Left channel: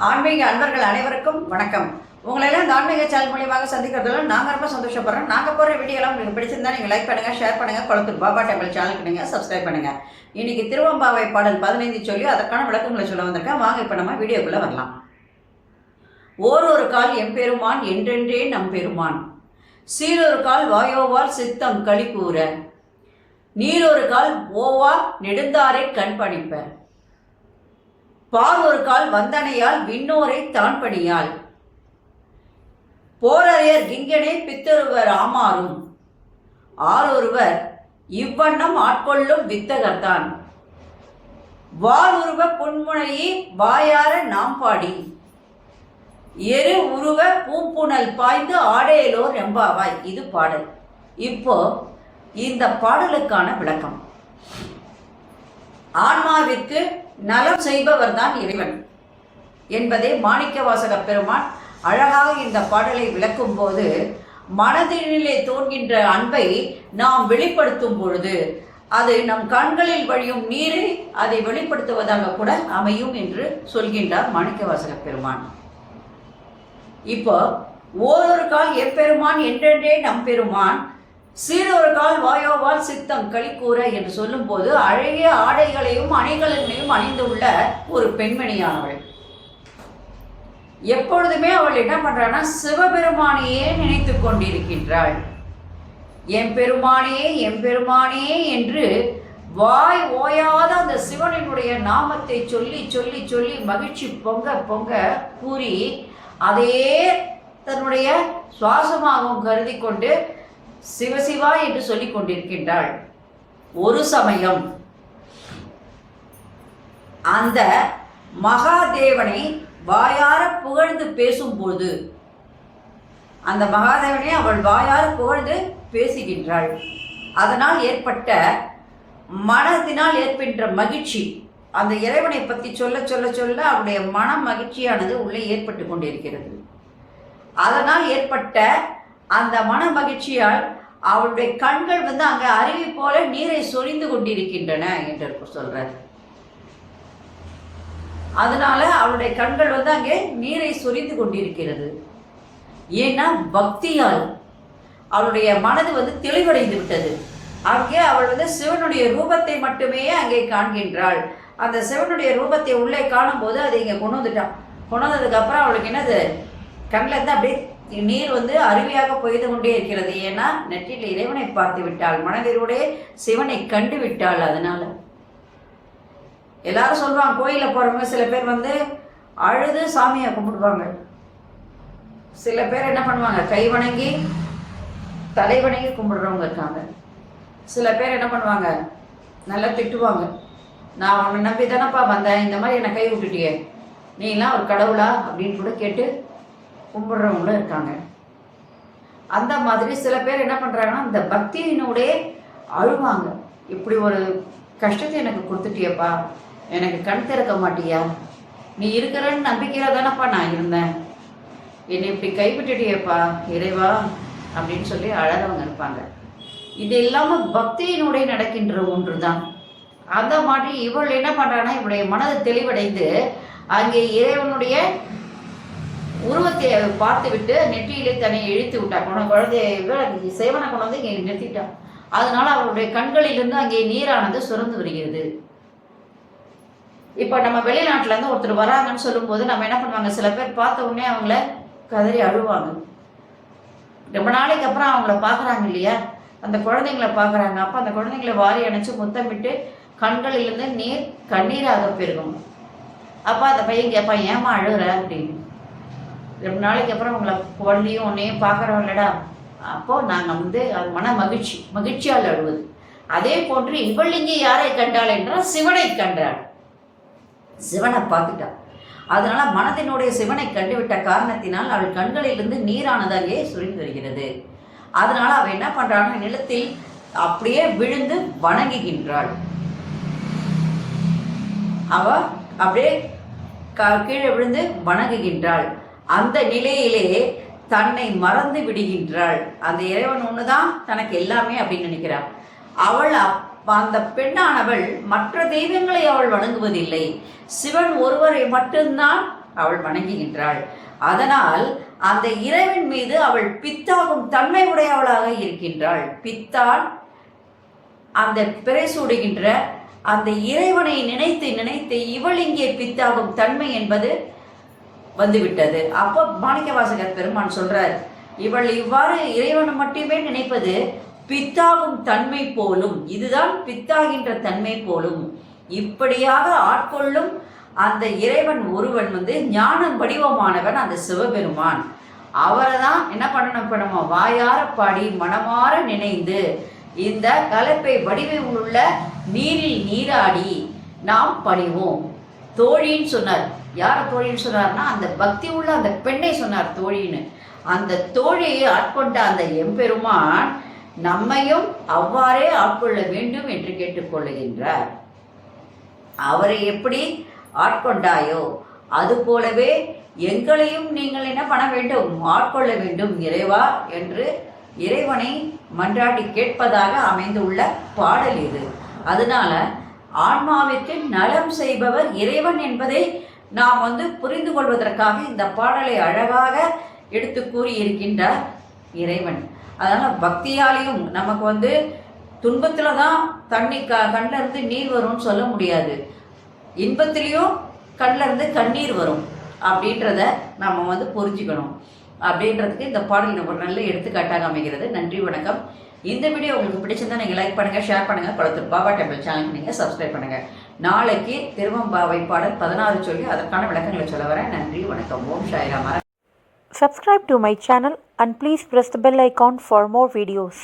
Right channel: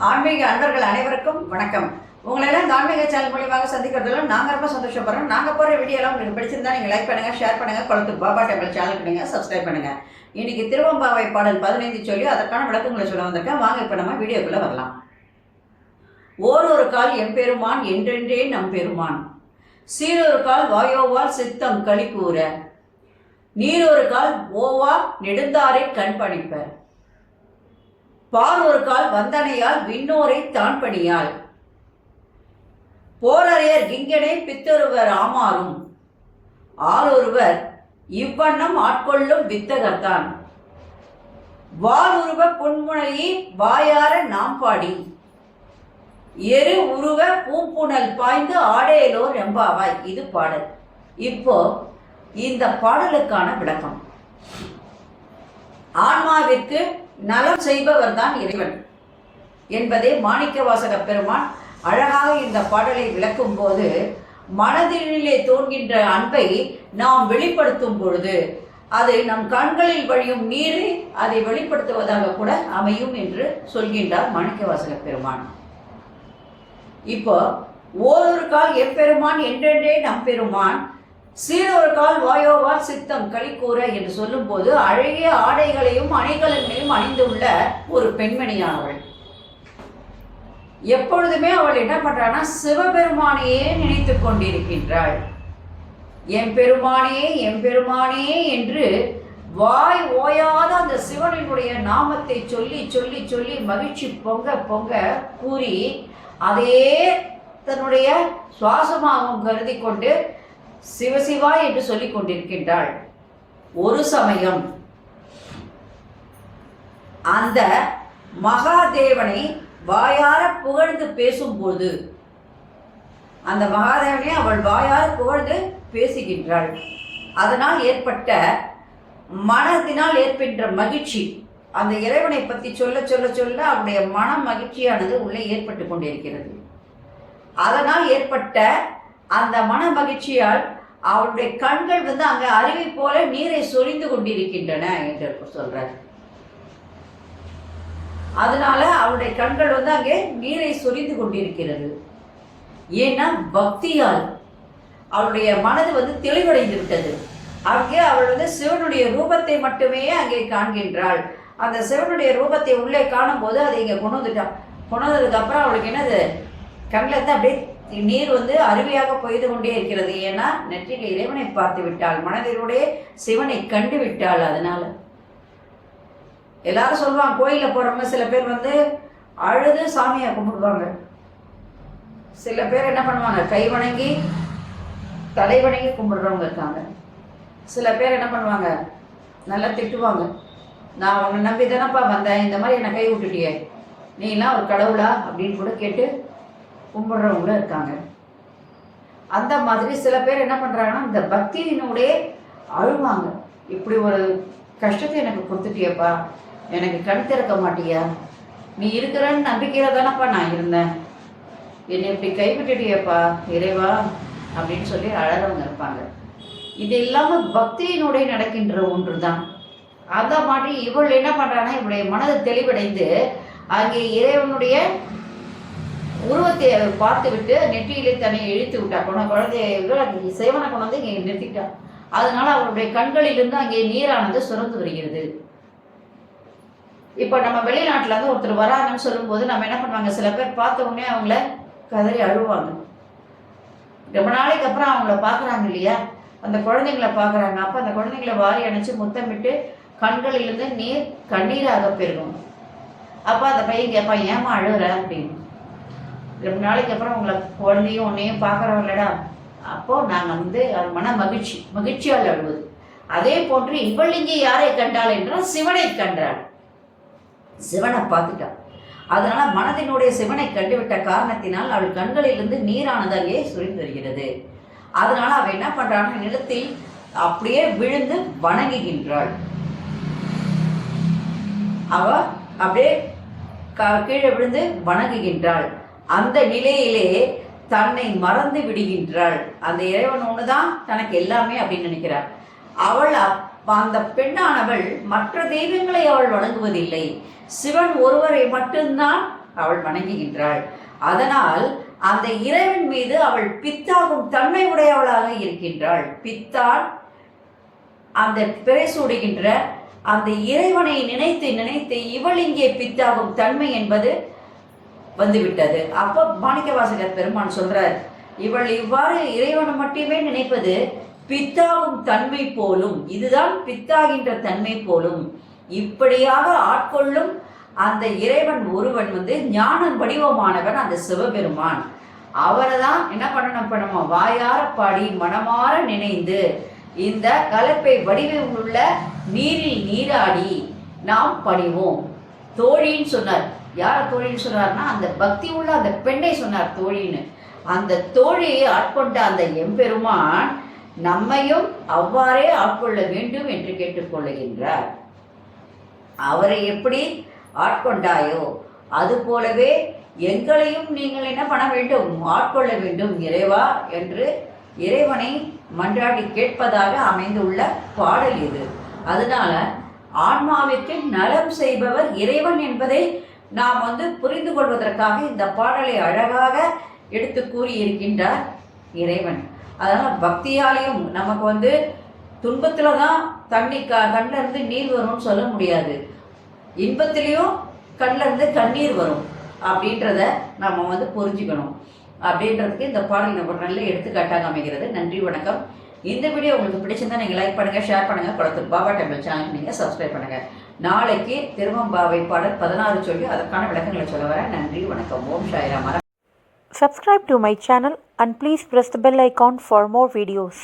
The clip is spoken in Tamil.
ஆன்மீக அன்பர்கள் அனைவருக்கும் வணக்கம். உங்களெல்லாம் இந்த ஆன்மீக சேனல் மூலியமாக சந்திக்கிறதுல நாங்கள் ரொம்ப சந்தோஷப்படுறோம். நாங்கள் போகிற வீடியோலாம் உங்களுக்கு பிடிச்சிருந்தா நீங்கள் லைக் பண்ணுங்கள், ஷேர் பண்ணுங்கள், குளத்தூர் பாபா டெம்பிள் சேனலுக்கு நீங்கள் சப்ஸ்கிரைப் பண்ணுங்கள். இன்னைக்கு திருவம்பாவை பாடல் 15 சொல்லி அதற்கான விளக்கங்களை சொல்ல வந்திருக்கேன். வாங்க இப்போ நம்ம வீடியோக்குள்ளே வரலாம். ஓரொரு கால் எம்பெருமான் என்றென்றே நம்பெருமான், சீரொரு கால் வாயோவால் சித்தம் களி கூற, நீரொரு கால் ஓவா நெடுந்தாரை கண் பணிப்ப, பார் ஒரு கால் வந்தனையால் விண்ணோரை தான் பணியால், போரறியர் கிங்கனே பித்தொருவர் ஆமாறும், ஆரொருவர் இவ்வண்ணம் ஆட்கொள்ளும் வித்தகர்தான், வார் உருவ புன்முனையே வாயார நாம் பாடி, எரு உருவ பூம்புணல் பாய்ந்து ஆடேலோர் எம்பாவாய். இது பாடல். இப்போ இந்த பாடலுக்கான விளக்கம். ஆன்மாவிற்கு நலம் செய்பவர் தான் இறைவன் என்பதை மாணிக்கவாசக பெருமான் அழகாக இந்த பாடலை விளக்கும் போது, மனதிலே தோன்கின்ற அன்பை நாம் வெளிப்படுத்தும் பொழுது அது நம் கண்களில் வழியும் நீரை அதை வெளிப்படுத்துவதாக கூட அமையும் என்று சொல்கின்றார் மாணிக்கவாசக பெருமான். இப்போ ஓரொரு கால் எப்பெருமான் என்றென்றே நம்பெருமான், சீரொரு கால் வாயோவால் சித்தம் களி கூற என்று சொல்லும் போது அழகிய ஆடைகளையும் அணிகலன்களையும் அணிந்துள்ள ஒரு பெண்மணியானவள். எப்பொழுதுமே அவள் என்ன பண்றான்னா சிவபெருமானையே நினைத்து கொண்டிருக்கின்றாள். எம்பெருமானே எம்பெருமானே என்று வாய் ஓயாத அந்த சிவனினுடைய நாமத்தை சொல்லி சொல்லி சொல்லி மகிழ்ச்சி பொங்க பொங்க கூறி அதே தன்னுடைய சுவாசமாகவும் கருதி கொண்டு சிவசிவா என்று சொல்லிக் கொண்டிருக்கின்றாள். ஒரு சமயம் அந்த மகாதேவனை வாயார புகழ்ந்து பேசும்போது, அந்த மகாதேவனை அவள் வாயார புகழ்ந்து பேசுகின்றாள். அதனால் ஏற்பட்ட மனதினால் ஏற்பட்ட மகிழ்ச்சி, அந்த இறைவனை பற்றி சொல்ல சொல்ல சொல்ல அவருடைய மன மகிழ்ச்சியானது உள்ளே ஏற்பட்டு கொண்டிருக்கிறது. அதனால் ஏற்பட்ட அந்த மன மகிழ்ச்சியால் அவளுடைய கண்கள் அங்கே அருவி போல நீரை சொரிந்து கொண்டிருக்கின்றன என்று சொல்றார். அதனால அவளுடைய கண்கள் அங்கே நீரை சொரிந்து கொண்டிருக்கிறது. ஏன்னா பக்தியால் அவளுடைய மனது தெளிவடைந்து விட்டது. அங்கே அவள் சிவனுடைய ரூபத்தை மட்டுமே அங்கே காண்கின்றாள். அந்த சிவனுடைய ரூபத்தை உள்ளே காணும் போது அதை இங்கே கொண்டு வந்துட்டான். கொண்டு வந்ததுக்கு அப்புறம் அவளுக்கு என்னது, கண்ணில் இருந்து அப்படியே நீர் அருவியாக பொய்து கொண்டே இருக்கிறது. ஏன்னா நெற்றில் இறைவனை பார்த்து விட்டாள், மனதிலோடைய சிவனை கண்டு விட்டாள். அதனால எல்லாரும் சொல்லுவாங்க, கோயிலில் போறவங்க சில பேர் அழுது சாமியை கும்பிடுவாங்க. சில பேர் என்ன பண்ணுவாங்க, கை வணங்கி தலை வணங்கி கும்பிடுறவங்க இருக்காங்க. சில பேர் என்ன பண்ணுவாங்க, நல்லா திட்டுவாங்க, நான் உன்னை நம்பி தானப்பா வந்தேன், இந்த மாதிரி என்னை கை விட்டுட்டியே, நீலாம் ஒரு கடவுளா அப்படின்னு கூட கேட்டு கும்பிட்றவங்களும் இருக்காங்க. அந்த மாதிரி சில பேர் என்ன பண்ணுறாங்கன்னா இந்த பக்தியினுடைய அழுவாங்க. இப்படி ஒரு கஷ்டத்தை எனக்கு கொடுத்துட்டியப்பா, எனக்கு கண் திறக்க மாட்டியா, நீ இருக்கிறன்னு நம்பிக்கையில் தானப்பா நான் இருந்தேன், என்னை இப்படி கைவிட்டுட்டியப்பா இறைவா அப்படின்னு சொல்லி அழறவங்க இருப்பாங்க. இது இல்லாமல் பக்தியினுடைய நடக்கின்ற ஒன்று தான். அந்த மாதிரி இவள் என்ன பண்ணுறான்னா இவளுடைய மனது தெளிவடைந்து அங்கே இறைவனுடைய உருவத்தை பார்த்து விட்டு நெற்றியிலே தன்னை இழுத்து விட்டா. குழந்தைய சேவனை கொண்டு வந்து இங்கே நிறுத்திட்டா. அதனால அவருடைய கண்களிலிருந்து அங்கே நீரானது சுரந்து வருகிறது. இப்போ நம்ம வெளிநாட்டிலேருந்து ஒருத்தர் வராங்கன்னு சொல்லும்போது நம்ம என்ன பண்ணுவாங்க, சில பேர் பார்த்த உடனே அவங்கள கதறி அழுவாங்க. ரொம்ப நாளைக்கு அப்புறம் அவங்கள பார்க்குறாங்க இல்லையா, அந்த குழந்தைங்கள பார்க்குறாங்க. அப்போ அந்த குழந்தைங்கள வாரி அணைச்சி முத்தமிட்டு கண்களிலிருந்து நீர் கண்ணீராக பெருகும். அப்போ அந்த பையன் கேட்பான், ஏமா அழுகுற அப்படின்னு. ரொம்ப நாளைக்கு அப்புறம் உங்களை குழந்தையும் உன்னையும் பார்க்குறோம் இல்லடா, அப்போது நாங்கள் அது மன மகிழ்ச்சியால் அழுவது. அதே போன்று இவள் இங்கே யாரை கண்டாள் என்றால் சிவனை கண்டாள், சிவனை பார்த்துட்டாள். அதனால மனதினுடைய சிவனை கண்டுவிட்ட காரணத்தினால் அவள் கண்களிலிருந்து நீரானது அங்கே சுரிந்து வருகிறது. அதனால அவள் என்ன பண்றாள், நிலத்தில் அப்படியே விழுந்து வணங்குகின்றாள். அவ அப்படியே கீழே விழுந்து வணங்குகின்றாள். அந்த நிலையிலே தன்னை மறந்து விடுகின்றாள். அந்த இறைவன் ஒண்ணுதான் தனக்கு எல்லாமே அப்படின்னு நினைக்கிறாள். அவள் அந்த பெண்ணானவள் மற்ற தெய்வங்களை அவள் வணங்குவதில்லை, சிவன் ஒருவரை மட்டும்தான் அவள் வணங்குகின்றாள். அதனால் அந்த இறைவன் மீது அவள் பித்தாகும் தன்மை உடையவளாக இருக்கின்றாள். பித்தால் அந்த பிறை சூடுகின்ற அந்த இறைவனை நினைத்து நினைத்து இவள் இங்கே பித்தாகும் தன்மை என்பது வந்துவிட்டது. அப்போ மாணிக்கவாசகர் பெருமான் சொல்றார், இவள் இவ்வாறு இறைவனை மட்டுமே நினைப்பது பித்தாகும் தன்மை போலும், இதுதான் பித்தாகின்ற தன்மை போலும். இப்படியாக ஆட்கொள்ளும் அந்த இறைவன் ஒருவன் ஞான வடிவமானவன் அந்த சிவபெருமான். அவரை தான் என்ன பண்ணணும்? இப்போ நம்ம வாயார பாடி மனமாற நினைந்து இந்த கலப்பை வடிவில் உள்ள நீரில் நீராடி நாம் பணிவோம். தோழின்னு சொன்னார். யாரை தோழின்னு சொன்னார்னா அந்த பக்தி உள்ள அந்த பெண்ணை சொன்னார் தோழின்னு. அந்த தோழியை ஆட்கொண்ட அந்த எம்பெருமான் நம்மையும் அவ்வாறே ஆட்கொள்ள வேண்டும் என்று கேட்டுக்கொள்ளுகின்றார். அவரை எப்படி ஆட்கொண்டாயோ அது போலவே எங்களையும் நீங்கள் என்ன பண்ண வேண்டும்? ஆட்கொள்ள வேண்டும் இறைவா என்று இறைவனை மன்றாடி கேட்பதாக அமைந்துள்ள பாடல் இது. அதனால ஆன்மாவிற்கு நலம் செய்பவர் இறைவன் என்பதை நாம் புரிந்து கொள்வதற்காக இந்த பாடலை அழகாக எடுத்து கூறி இருக்கின்றார் இறைவன். அதனால் பக்தியாலையும் நமக்கு துன்பத்தில் தான் தண்ணி கண்ணிலிருந்து நீர் வரும்னு சொல்ல முடியாது, இன்பத்திலையும் கண்ணிலிருந்து கண்ணீர் வரும் அப்படின்றத நம்ம புரிஞ்சுக்கணும். அப்படின்றதுக்கு இந்த பாடல் ஒரு நல்ல எடுத்துக்காட்டாக அமைகிறது. நன்றி, வணக்கம். இந்த வீடியோ உங்களுக்கு பிடிச்சிருந்தா நீங்கள் லைக் பண்ணுங்கள், ஷேர் பண்ணுங்கள், குளத்தூர் பாபா டெம்பிள் சேனலுக்கு நீங்கள் சப்ஸ்கிரைப் பண்ணுங்கள். நாளைக்கு திருவம்பாவை பாடல் 16 சொல்லி அதற்கான விளக்கங்களை சொல்ல வரேன். நன்றி, வணக்கம். ஓம் Sairam. Subscribe to my channel and please press the bell icon for more videos.